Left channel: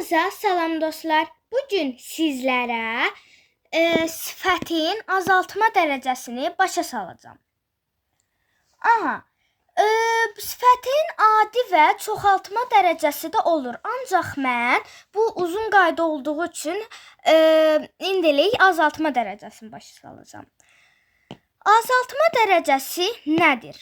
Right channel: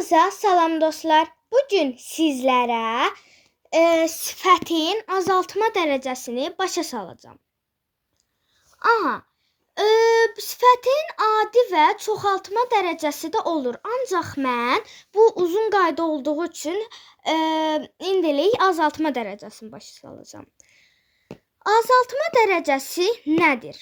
Hamınıza salam dostlar. Bugün sizlərə sifətin azaltma dərəcəsini başa salacağım. Sifətin adi və çoxaltma dərəcəsi də olur. Ancaq mən bu uzun qayda olduğu üçün indilik azaltma dərəcəsini başa salacağım. Azaltma dərəcəsi nədir?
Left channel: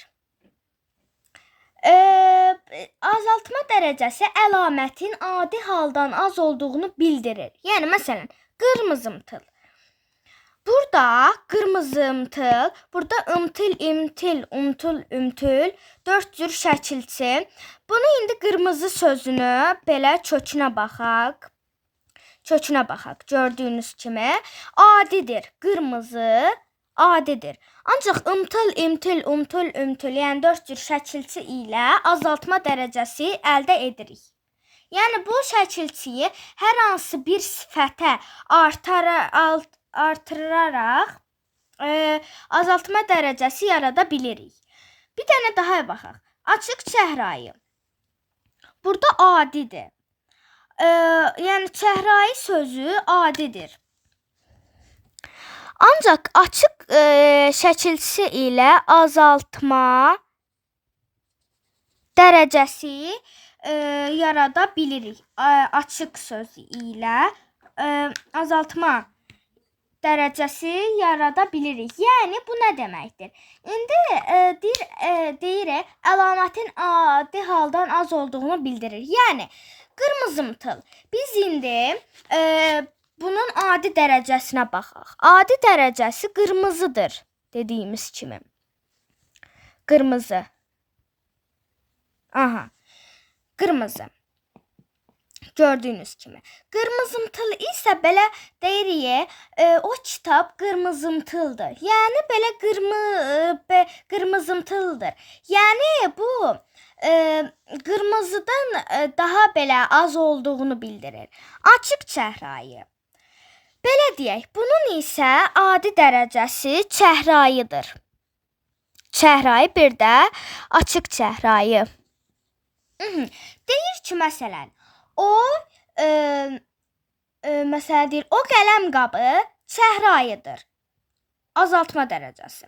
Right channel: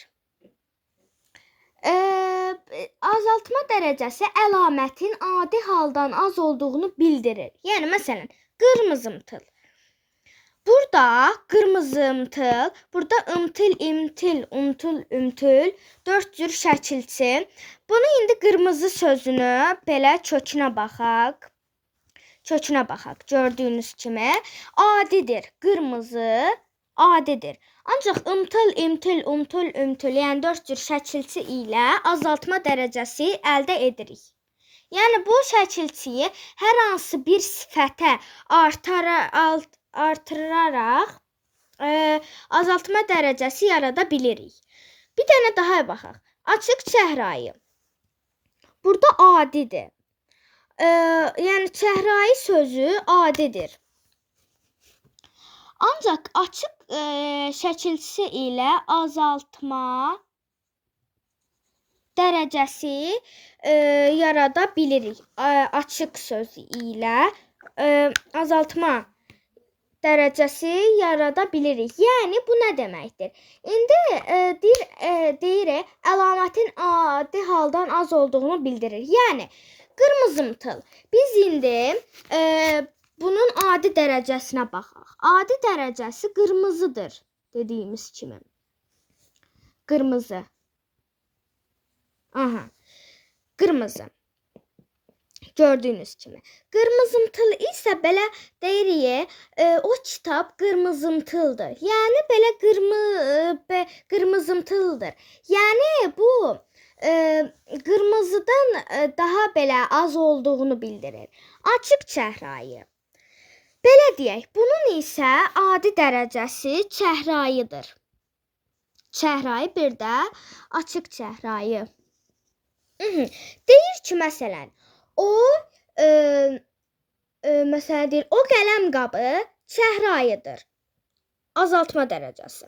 Azaltma dərəcəsi əlamətin adi haldan az olduğunu bildirir. Yəni, məsələn, qırmızımtıl. Burada qırmızımtıl, burada ımtıl, imtil, umtul, ümtül, 4 cür şəkilçi. Bunu indi qırmızı sözünü belə kökünə baxaq. Gördüyünüz kimi adidir. Qırmızı adidir. Ancaq ımtıl, imtil, umtul, ümtül, yəni 4 cür şəkilçi ilə azaltma dərəcəsi əldə edirik. Yəni bu şəkilçiyi hər hansı bir sifətə artıraraq azaltma dərəcəsi yarada bilirik. Bir dənə daha baxaq. Açıq çəhrayı. Burada adidir. Yəni çəhrayı sözü adidir. Ancaq açıq şəkilçisi ilə azaltma dərəcəsi yarada bilirik. Açıq sözü ilə azaltma dərəcəsi yarada bilirik. Yəni bu nə deməkdir? İndi deyirik, əlamətin adi haldan az olduğunu bildirir. Yəni qırmızımtıl. Biz indi bunun adi dərəcəsinə baxaq. Adi dərəcəsi qırmızıdır dediyimiz kimi. Qırmızı. Qırmızı. Gördüyünüz kimi. Qırmızımtıl isə belə deyirik, o kitab qırmızımtıldır. Yəni belə qırmızımtıldır. Yəni bu qırmızıdan daha belə az olduğunu bildirir. Açıq çəhrayı. Belə deyək, bunun isə adi dərəcəsi çəhrayıdır. Çəhrayı bir də açıq çəhrayı. Deyir ki, məsələn, o qələm qabı çəhrayıdır. Azaltma dərəcəsi.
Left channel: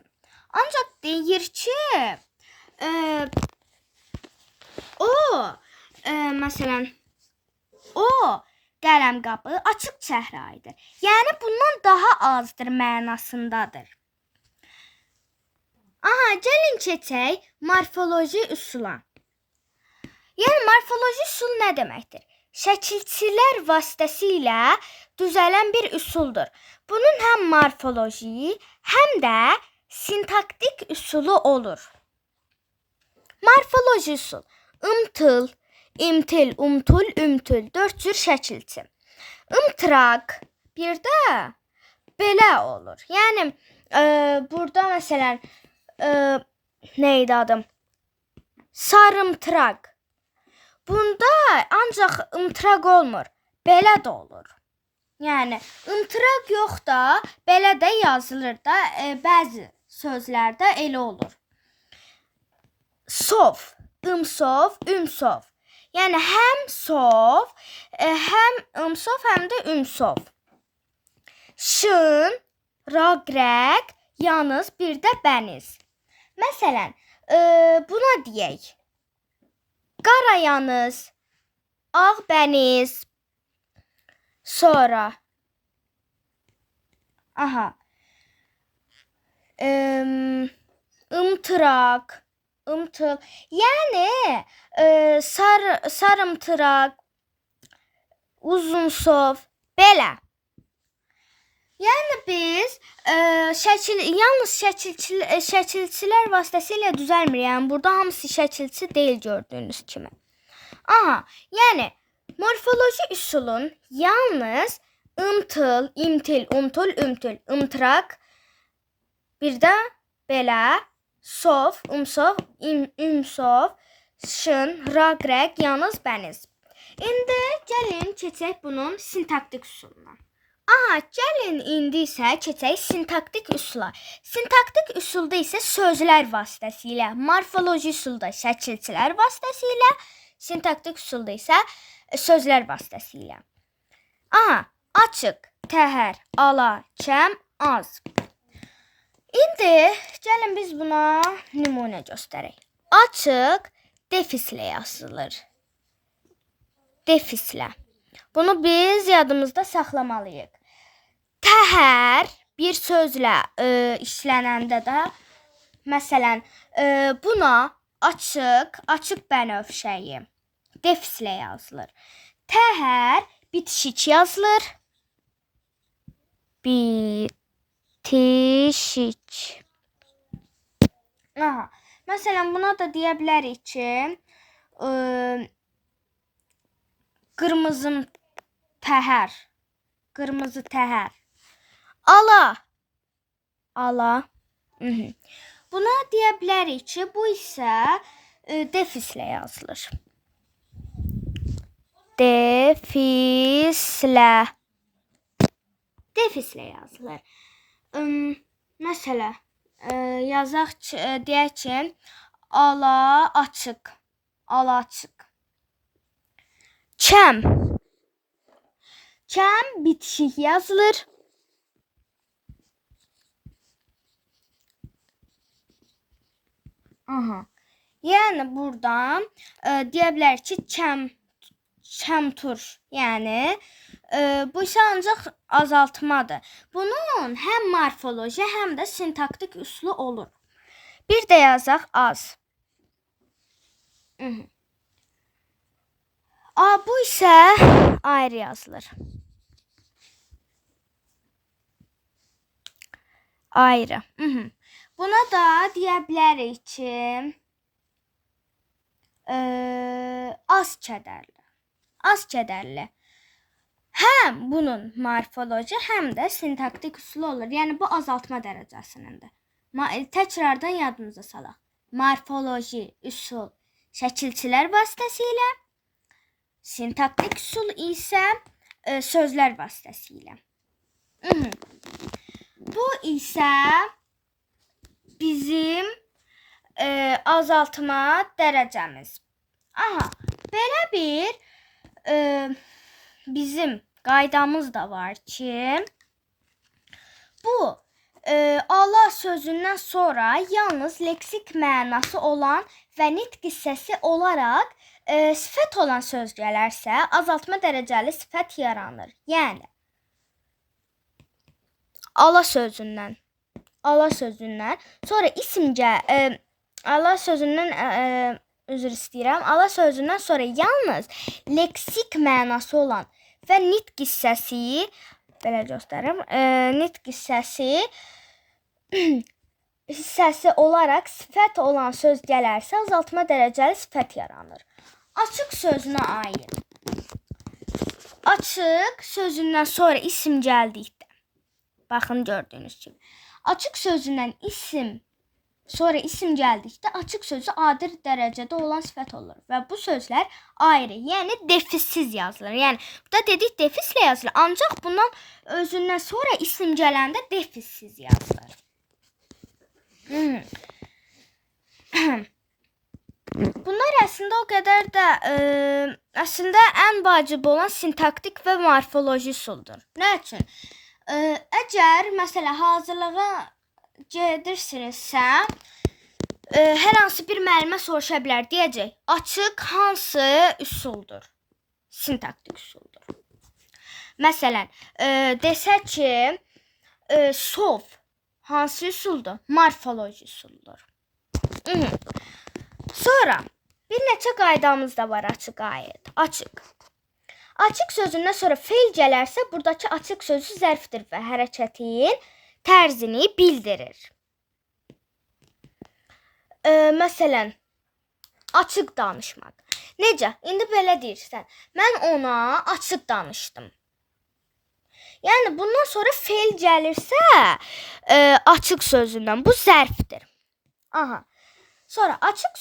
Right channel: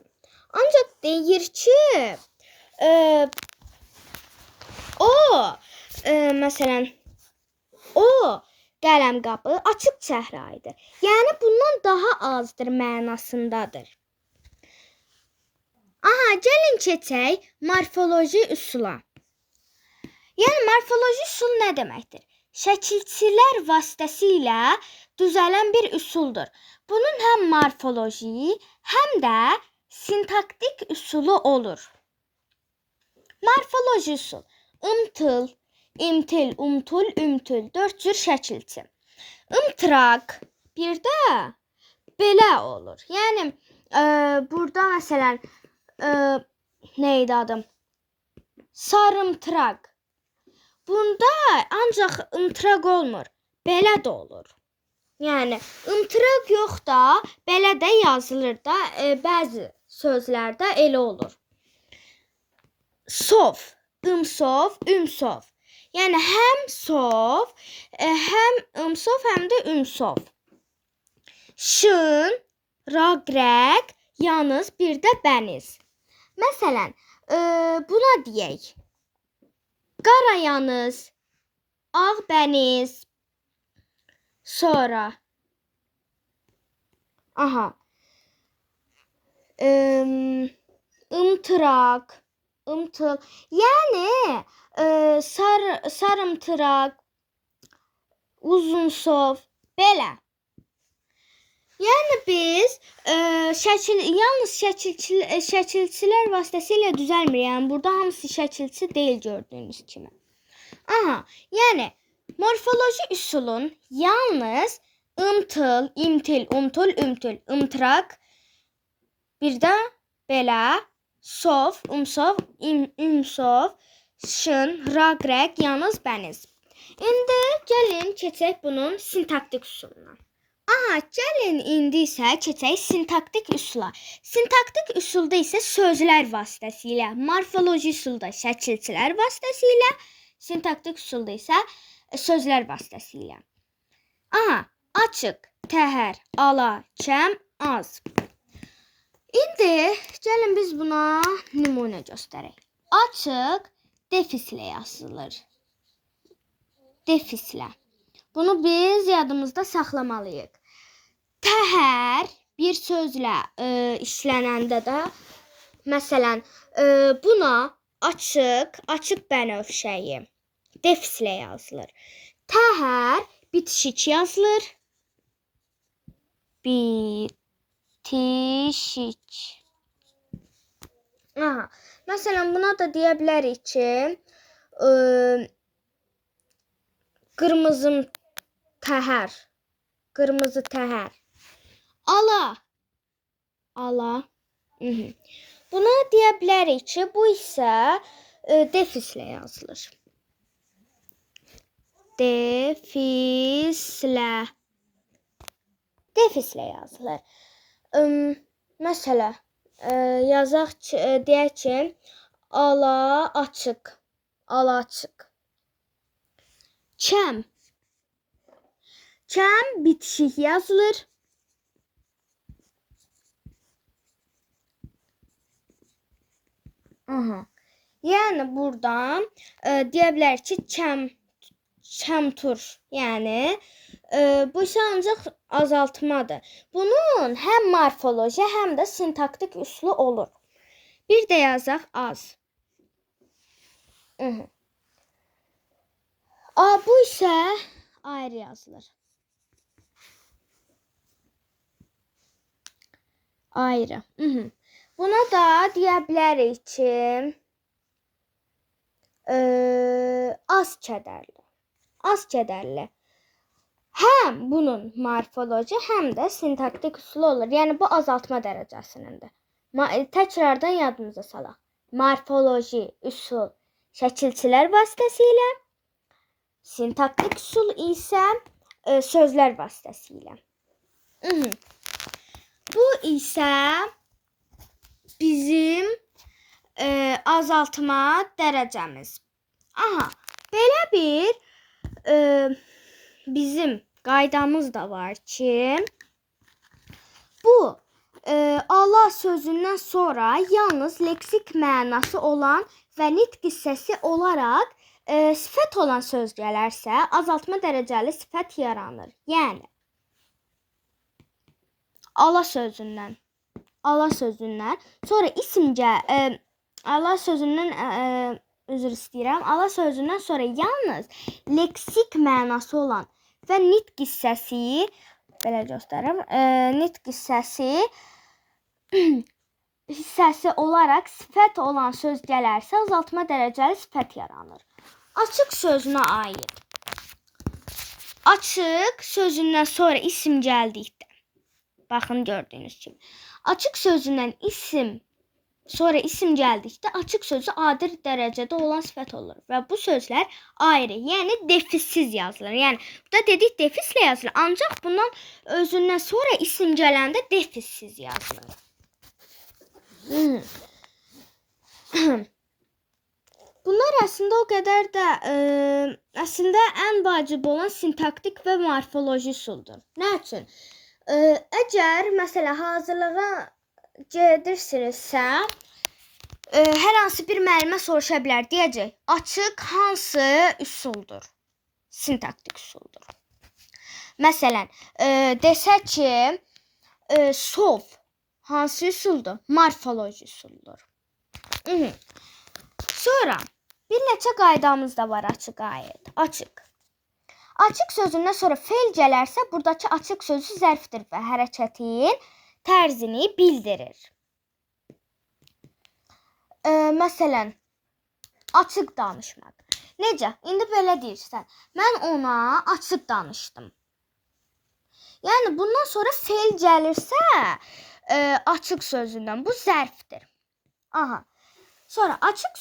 Ancaq deyir ki, məsələn, o qələm qabı açıq çəhrayıdır. Yəni bundan daha azdır mənasındadır. Gəlin keçək morfoloji üsula. Yəni morfoloji üsul nə deməkdir? Şəkilçilər vasitəsilə düzələn bir üsuldur. Bunun həm morfoloji, həm də sintaktik üsulu olur. Morfoloji üsul. Imtıl, imtil, umtul, ümtül, 4 cür şəkilçi. Imtıraq bir də belə olur. Yəni burada məsələn neydi adım? Sarımtıraq. Bunda ancaq ımtıraq olmur. Belə də olur. Yəni ımtıraq yox da belə də yazılır da bəzi sözlərdə elə olur. Sov, ımsov, ümsov. Yəni həm sov, həm ımsov, həm də ümsov. Şın, raqrəq, yanız, bir də bəniz. Məsələn, buna deyək. Qara yanız, ağ bəniz. Sonra. Imtıraq, ımtıl. Yəni sarımtıraq, uzunsov, belə. Yəni biz yalnız şəkilçilər vasitəsilə düzəlmir. Yəni burada hamısı şəkilçi deyil gördüyünüz kimi. Yəni morfoloji üsulun yalnız ımtıl, imtil, umtul, ümtül, ımtıraq, bir də belə sov, umsov, ümsov, şın, raqrəq, yanız, bəniz. İndi gəlin keçək bunun sintaktik üsuluna. Gəlin indi isə keçək sintaktik üsula. Sintaktik üsulda isə sözlər vasitəsilə, morfoloji üsulda şəkilçilər vasitəsilə, sintaktik üsulda isə sözlər vasitəsilə. Aha, açıq, təhər, ala, kəm, az. İndi gəlin biz buna nümunə göstərək. Açıq defislə yazılır. Defislə. Bunu biz yadımızda saxlamalıyıq. Təhər bir sözlə işlənəndə də, məsələn, buna açıq bənövşəyi defislə yazılır. Təhər bitişik yazılır. Bitişik. Aha. Məsələn, buna da deyə bilərik ki, qırmızı təhər. Qırmızı təhər. Ala. Ala. Buna deyə bilərik ki, bu isə defislə yazılır. Defislə. Defislə yazılır. Məsələn, yazaq ki, deyək ki, ala açıq. Ala açıq. Kəm. Kəm bitişik yazılır. Aha. Yəni buradan deyə bilərik ki, kəmtur. Yəni bu isə ancaq azaltmadır. Bunun həm morfoloji, həm də sintaktik üsulu olur. Bir də yazaq az. Bu isə ayrı yazılır. Ayrı. Buna da deyə bilərik ki, az kədərli. Az kədərli. Həm bunun morfoloji, həm də sintaktik üsulu olur. Yəni bu azaltma dərəcəsinindir. Təkrardan yadımıza salaq. Morfoloji üsul şəkilçilər vasitəsilə, sintaktik üsul isə sözlər vasitəsilə. Bu isə bizim azaltma dərəcəmiz. Aha, belə bir bizim qaydamız da var ki, bu ala sözündən sonra yalnız leksik mənası olan və nitq hissəsi olaraq sifət olan söz gələrsə, azaltma dərəcəli sifət yaranır. Yəni, ala sözündən sonra ala sözündən üzr istəyirəm. Ala sözündən sonra yalnız leksik mənası olan və nitq hissəsi, belə göstərim, nitq hissəsi olaraq sifət olan söz gələrsə, azaltma dərəcəli sifət yaranır. Açıq sözünə aid. Açıq sözündən sonra isim gəldikdə, baxın gördüyünüz kimi, açıq sözündən sonra isim gəldikdə açıq sözü adi dərəcədə olan sifət olur və bu sözlər ayrı, yəni defissiz yazılır. Yəni burada dedik defislə yazılır, ancaq bundan özündən sonra isim gələndə defissiz yazılır. Bunlar əslində o qədər də əslində ən vacib olan sintaktik və morfoloji üsuldur. Nə üçün? Əgər məsələn hazırlığa gedirsinizsə, hər hansı bir müəllimə soruşa bilər, deyəcək, açıq hansı üsuldur? Sintaktik üsuldur. Məsələn, desə ki, sov hansı üsuldur? Morfoloji üsuldur. Sonra bir neçə qaydamız da var açığa aid. Açıq. Açıq sözündən sonra feil gələrsə, buradakı açıq sözü zərfdir və hərəkətin tərzini bildirir. Məsələn, açıq danışmaq. Necə? İndi belə deyirsən, mən ona açıq danışdım. Yəni, bundan sonra feil gəlirsə, açıq sözündən, bu zərfdir. Aha. Sonra açıq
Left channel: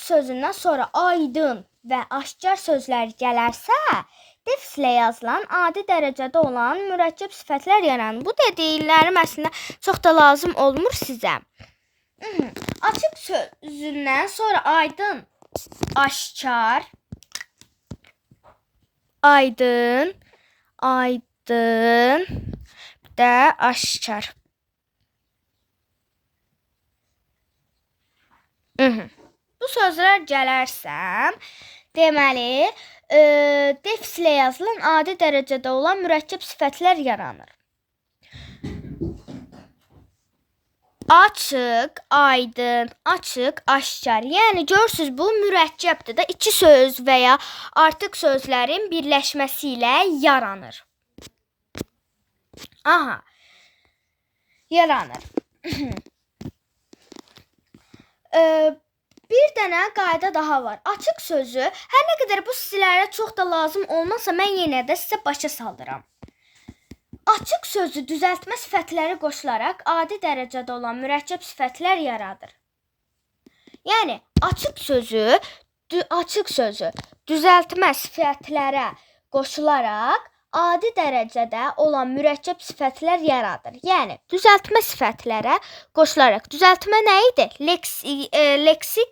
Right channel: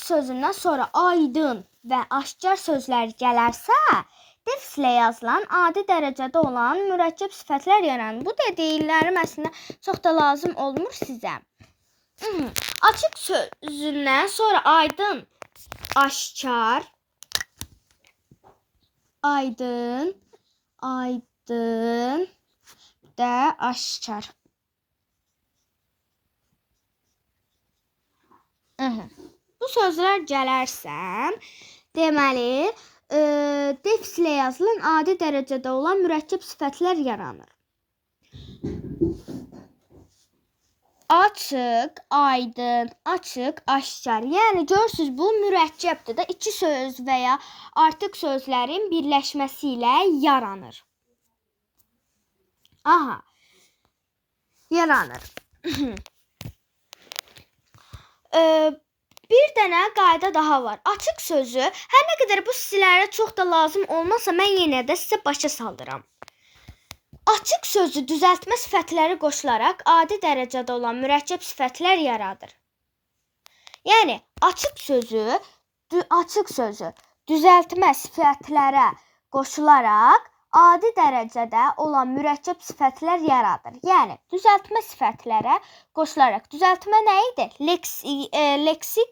sözündən sonra aydın və aşkar sözlər gələrsə, defislə yazılan adi dərəcədə olan mürəkkəb sifətlər yaranır. Bu dediklərim əslində çox da lazım olmur sizə. Açıq sözündən sonra aydın, aşkar, aydın, aydın, bir də aşkar. Bu sözlər gələrsəm, deməli, defis ilə yazılan adi dərəcədə olan mürəkkəb sifətlər yaranır. Açıq, aydın, açıq, aşkar. Yəni görürsüz bu mürəkkəbdir də, iki söz və ya artıq sözlərin birləşməsi ilə yaranır. Aha. Yaranır. Bir dənə qayda daha var. Açıq sözü hər nə qədər bu sizlərə çox da lazım olmasa, mən yenə də sizə başa saldıram. Açıq sözü düzəltmə sifətləri qoşularaq adi dərəcədə olan mürəkkəb sifətlər yaradır. Yəni açıq sözü düzəltmə sifətlərə qoşularaq adi dərəcədə olan mürəkkəb sifətlər yaradır. Yəni düzəltmə sifətlərə qoşularaq. Düzəltmə nə idi? Leksik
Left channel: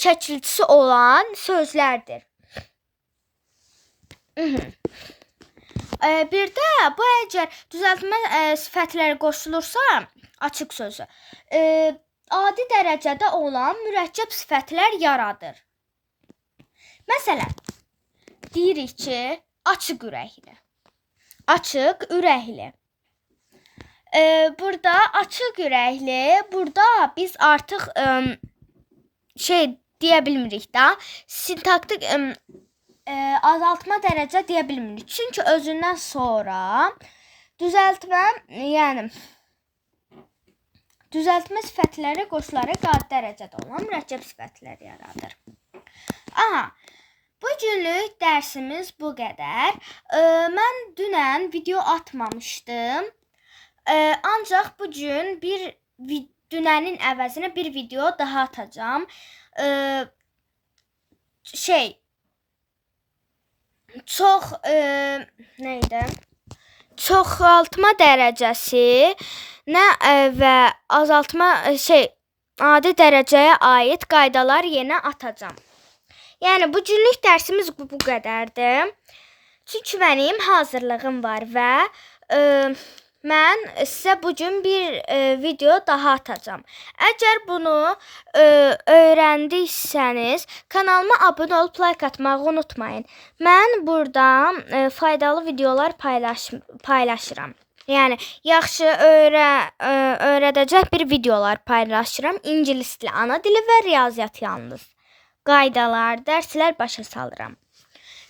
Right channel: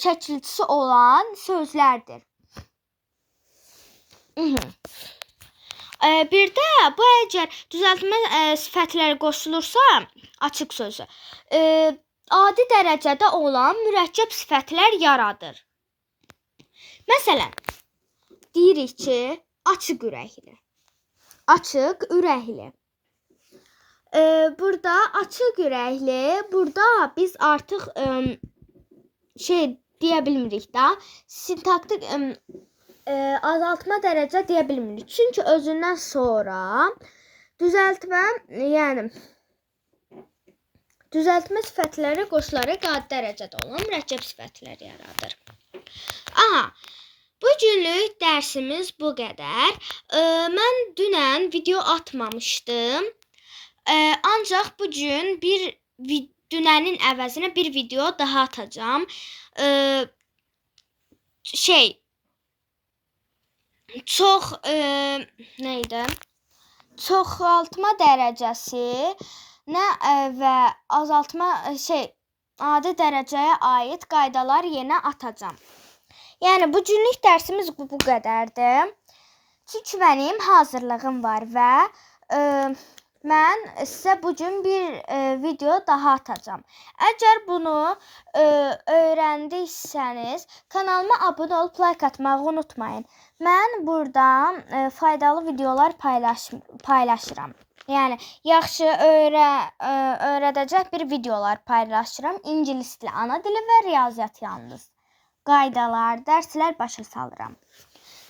şəkilçisi olan sözlərdir. Bir də bu əgər düzəltmə sifətləri qoşulursa, açıq sözü, adi dərəcədə olan mürəkkəb sifətlər yaradır. Məsələn, deyirik ki, açıq ürəkli. Açıq ürəkli. Burada açıq ürəkli, burada biz artıq deyə bilmirik da, sintaktik azaltma dərəcə deyə bilmirik. Çünki özündən sonra düzəltmə sifətləri qoşularaq adi dərəcədə olan mürəkkəb sifətlər yaradır. Aha, bu günlük dərsimiz bu qədər. Mən dünən video atmamışdım. Ancaq bu gün dünənin əvəzinə bir video daha atacağım. Çoxaltma dərəcəsi və azaltma adi dərəcəyə aid qaydalar yenə atacağam. Yəni bu günlük dərsimiz bu qədərdir. Çünki mənim hazırlığım var və mən sizə bu gün bir video daha atacağam. Əgər bunu öyrəndiysəniz, kanalıma abunə olub like atmağı unutmayın. Mən buradan faydalı videolar paylaşıram. Yəni yaxşı öyrədəcək bir videolar paylaşıram. İngilis dili, ana dili və riyaziyyat yalnız. Qaydalar, dərslər başa salıram.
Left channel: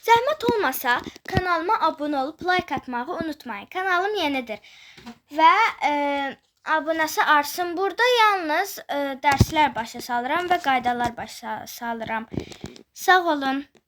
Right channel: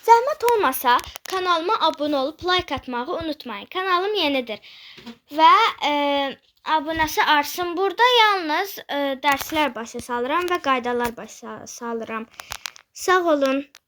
Zəhmət olmasa kanalıma abunə olub like atmağı unutmayın. Kanalım yenidir və abunəsi artsın. Burada yalnız dərslər başa salıram və qaydalar başa salıram. Sağ olun.